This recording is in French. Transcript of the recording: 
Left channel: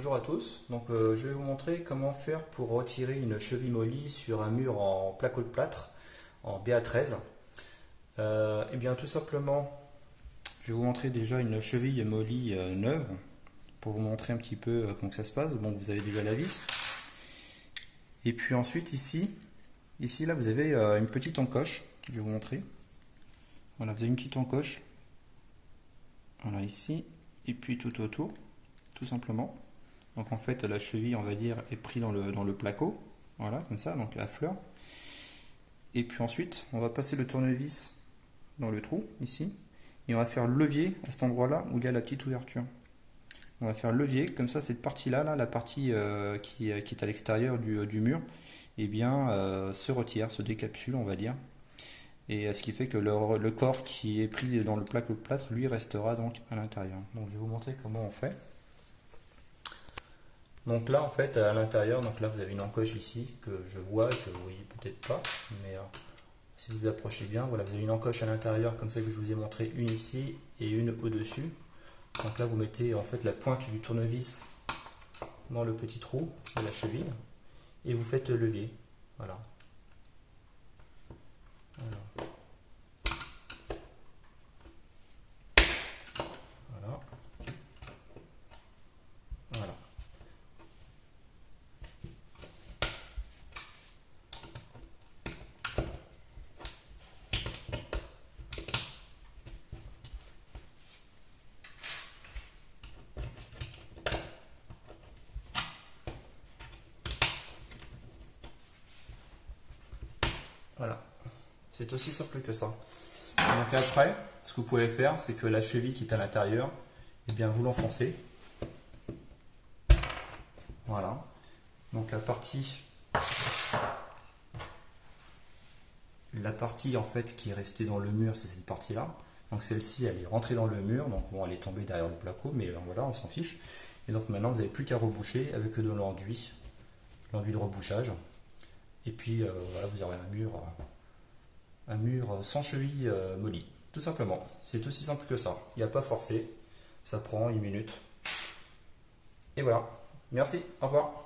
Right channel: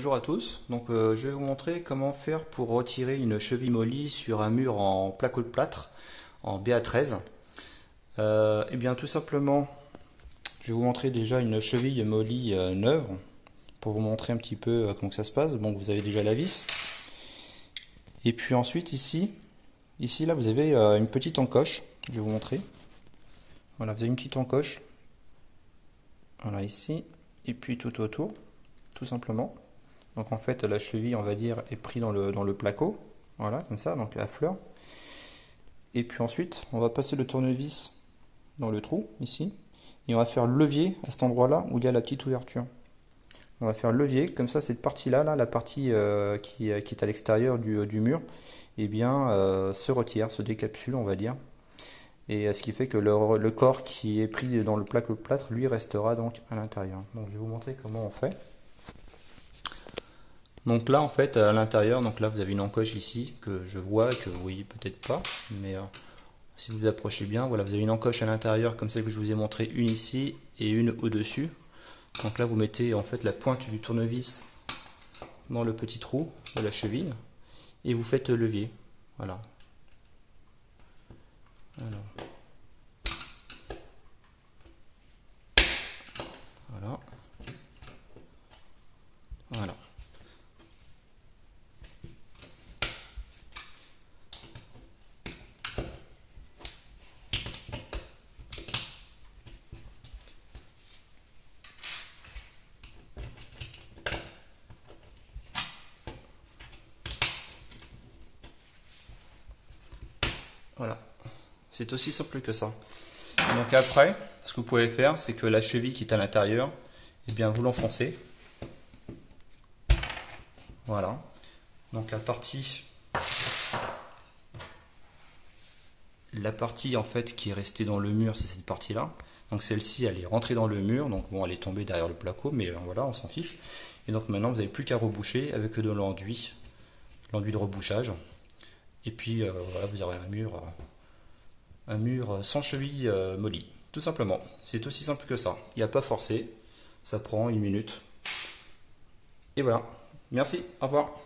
Bonjour à tous, je vais vous montrer comment faire pour retirer une cheville molly sur un mur en placo de plâtre en BA13. Et bien tout simplement, je vais vous montrer déjà une cheville molly neuve pour vous montrer un petit peu comment que ça se passe. Bon, vous avez déjà la vis. Et puis ensuite ici là vous avez une petite encoche, je vais vous montrer. Voilà, vous avez une petite encoche. Voilà ici, et puis tout autour, tout simplement. Donc en fait la cheville on va dire est prise dans le placo, voilà comme ça, donc à fleur. Et puis ensuite on va passer le tournevis dans le trou ici, et on va faire levier à cet endroit là où il y a la petite ouverture. On va faire levier, comme ça cette partie là, la partie qui est à l'extérieur du mur, et bien se retire, se décapsule on va dire. Et ce qui fait que le corps qui est pris dans le placo de plâtre lui restera donc à l'intérieur. Donc je vais vous montrer comment on fait. Donc là en fait à l'intérieur, donc là vous avez une encoche ici que je vois, que vous voyez peut-être pas, mais si vous vous approchez bien, voilà, vous avez une encoche à l'intérieur comme celle que je vous ai montré, une ici et une au-dessus. Donc là vous mettez en fait la pointe du tournevis dans le petit trou de la cheville et vous faites levier. Voilà. Voilà. Voilà. Voilà, c'est aussi simple que ça. Donc après, ce que vous pouvez faire, c'est que la cheville qui est à l'intérieur, eh bien vous l'enfoncez. Voilà. Donc la partie en fait qui est restée dans le mur, c'est cette partie-là. Donc celle-ci, elle est rentrée dans le mur, donc bon, elle est tombée derrière le placo, mais voilà, on s'en fiche. Et donc maintenant, vous n'avez plus qu'à reboucher avec de l'enduit de rebouchage. Et puis voilà, vous aurez un mur sans cheville molly. Tout simplement, c'est aussi simple que ça. Il n'y a pas forcé, ça prend une minute. Et voilà, merci, au revoir.